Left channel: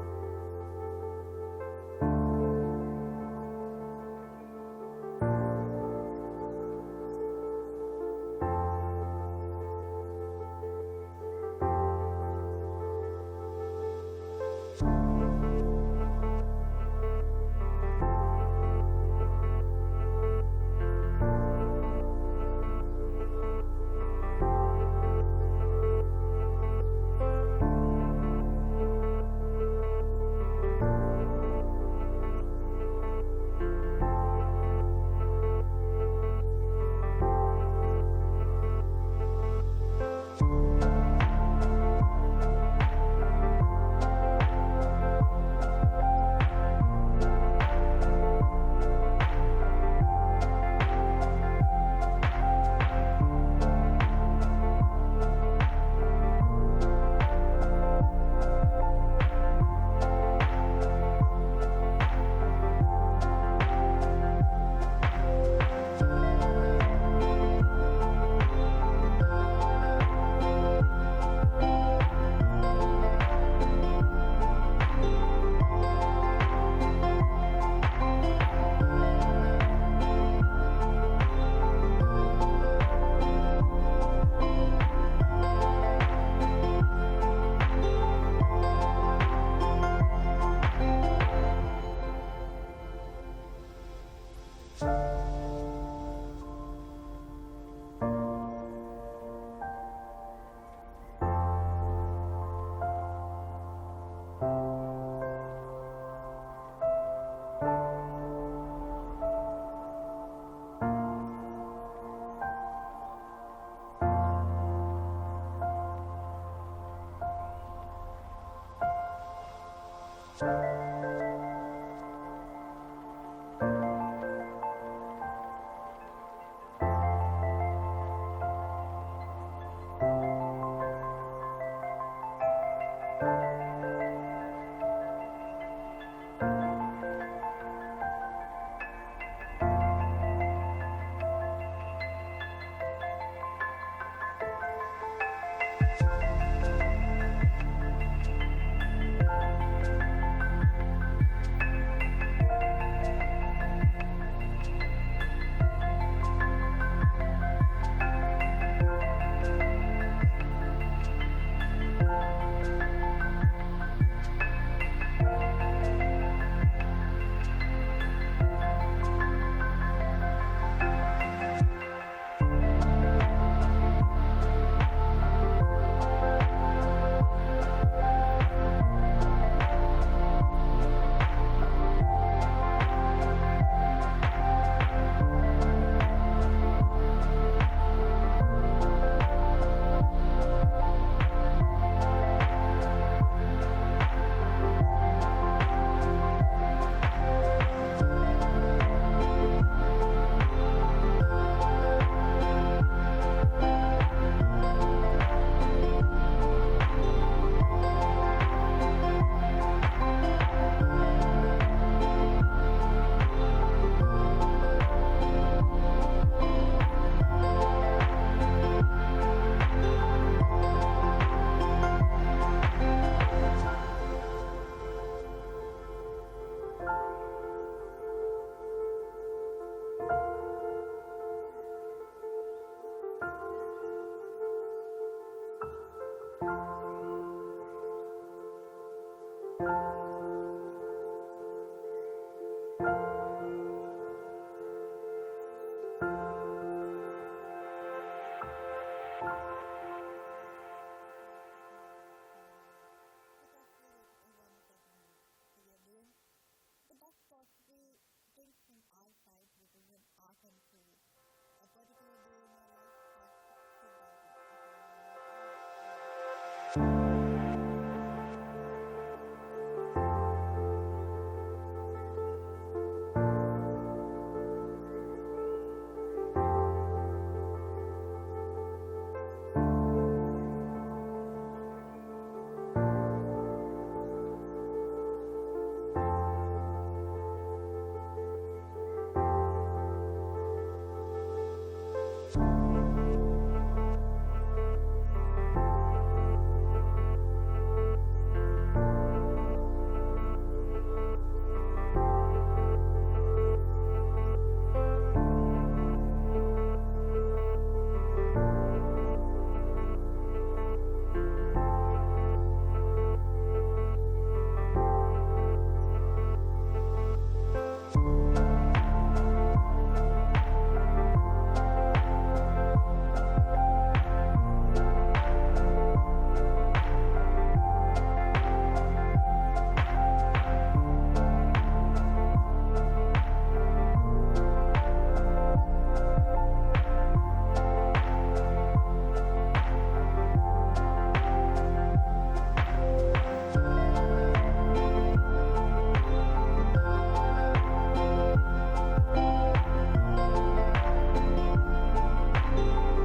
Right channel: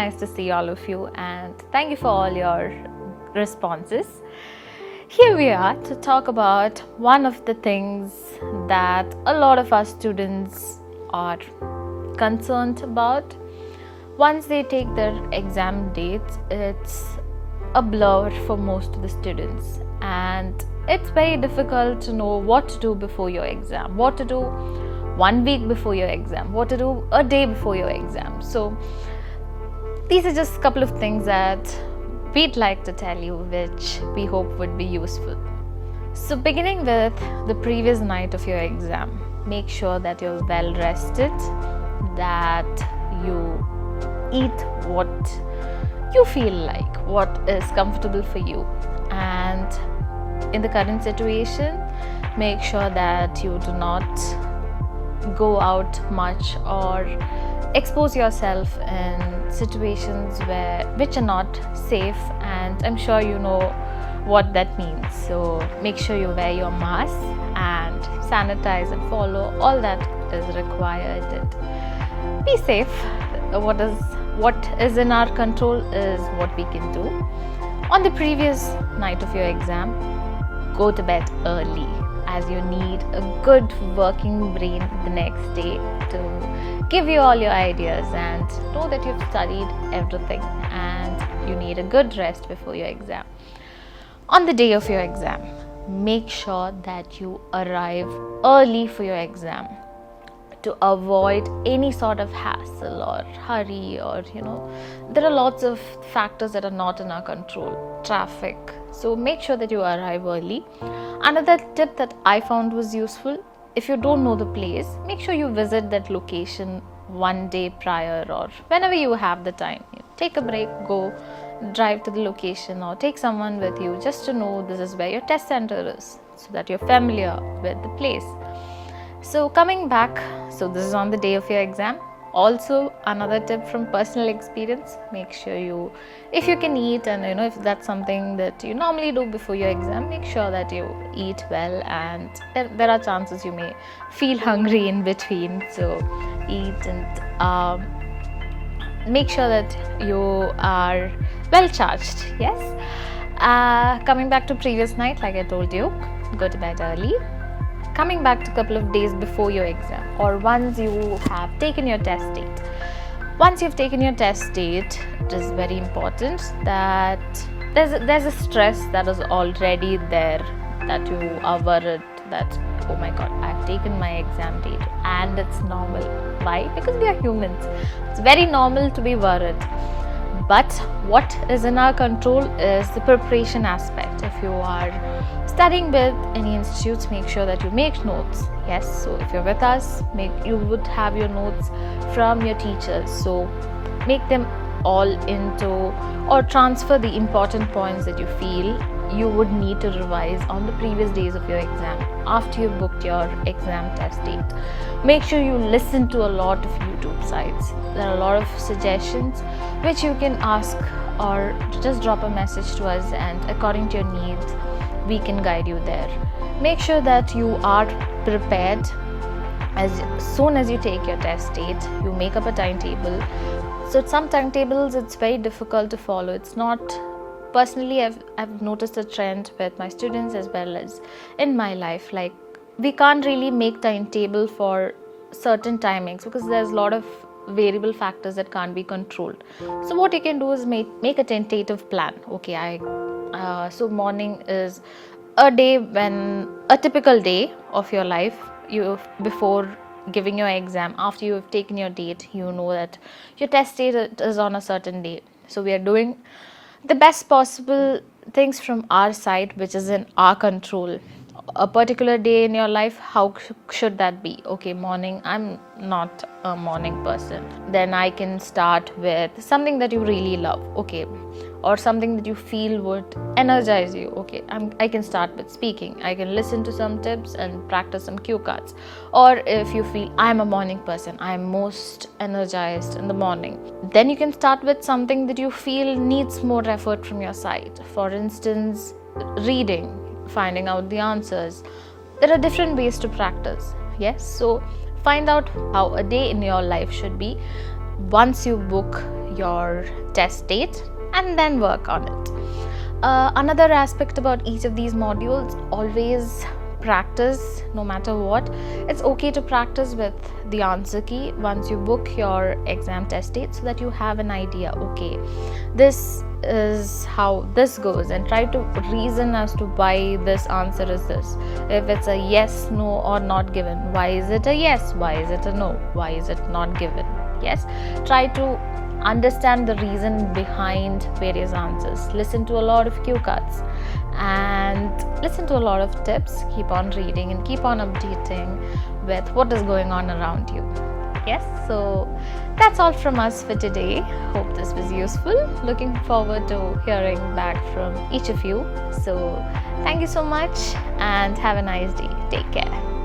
nice to see all of you, and thank you for all your responses. Here we are to talk about one of the things that a lot of our students are concerned about. Once they take their exam dates, it's a blur for most of the students, and it's very difficult to know what to do before your exam, what to do 1 week before your exam, what to do a day before your exam. So these are just a couple of things that we'd like to tell you, which we hope would be useful. So beginning with the previous night of your exam, make sure that you're well rested, that you eat what you feel like, what is comfortable for you. And in the current situation, make sure that you do not go out much or expose yourself in situations which are not safe, and I'm sure you know what that means. So make sure you wear your mask and sanitize and follow all that is required. And be safe. What is in our control is what we can do. On the previous night of your exam, go to bed early, as you need a good working brain the next day to give you all your ideas and know that you've studied everything, and you need a good rest before your exam. On the day of your exam, make sure that you arrive early for your exam to avoid any sort of hassle or hurry, or there are lots of factors that are not in our control, traffic. So make sure that you arrive early. Another tip that I found was useful: if you don't know the place, make sure you visit that location 1 day prior, or whenever you have the time. Take a break, go drive to the location, or take someone with you just to know this is where your test center is, so that you're familiar with the place. So coming back, so this is on the day of your exam. Also, another tip from personal experience: make sure if you can eat, and if that's something that you normally do before your exam, make sure that you eat well, and there are chances you may feel hungry in between. So eat, and make sure that you are well charged. Yes. Coming back to previous night, like I told you, go to bed early. Coming back to a couple of days before your exam, or once you have taken your test date. Once you've taken your test date, it is very important that there's a stress that is already there, that you are worried that, oh my god, I've taken my exam date, and it's normal. Why? Because we are humans. It's very normal to be worried. But what is in our control is the preparation aspect. If you are studying with any institutes, make sure that you make notes. Yes, so if you're with us, you would have your notes from your teachers. So make them all into, or transfer the important points that you feel you would need to revise on the previous days of your exam after you booked your exam test date. Make sure you listen to a lot of YouTube sites. There are a lot of suggestions which you can ask, or just drop a message to us, and according to your needs, we can guide you there. Make sure that you are prepared. As soon as you take your test date, you make up a timetable. So some timetables, it's very difficult to follow. It's not, personally, I've noticed a trend with my students as well as in my life. Like, we can't really make timetable for certain timings because there's a lot of variable factors that can't be controlled. So what you can do is make a tentative plan. Okay, so morning is a typical day of your life. Before giving your exam, after you have taken your date, you know that your test date is on a certain day. So we are doing the best possible things from our side, which is in our control. A particular day in your life, how should that be? Okay, morning, I'm not a morning person. Then I can start with something that you really love. Okay, or something that you feel would energize you. Okay, I can start with speaking. I can listen to some tips and practice some cue cards. Or if you feel I'm a morning person, I'm most energized in the morning, then you can start with something that you feel needs more effort from your side. For instance, reading, finding out the answers. There are different ways to practice. Yes, so find out how a day in your life should be once you book your test date and then work on it. Another aspect about each of these modules, always practice no matter what. It's okay to practice with the answer key once you book your exam test date, so that you have an idea, okay, this is how this goes, and try to reason as to why this answer is this. If it's a yes, no, or not given, why is it a yes, why is it a no, why is it not given? Yes, try to understand the reason behind various answers. Listen to a lot of cue cards and listen to a lot of tips. Keep on reading and keep on updating with what is going on around you. Yes, so that's all from us for today. Hope this was useful. Looking forward to hearing back from each of you. So thank you so much and have a nice day. Take care.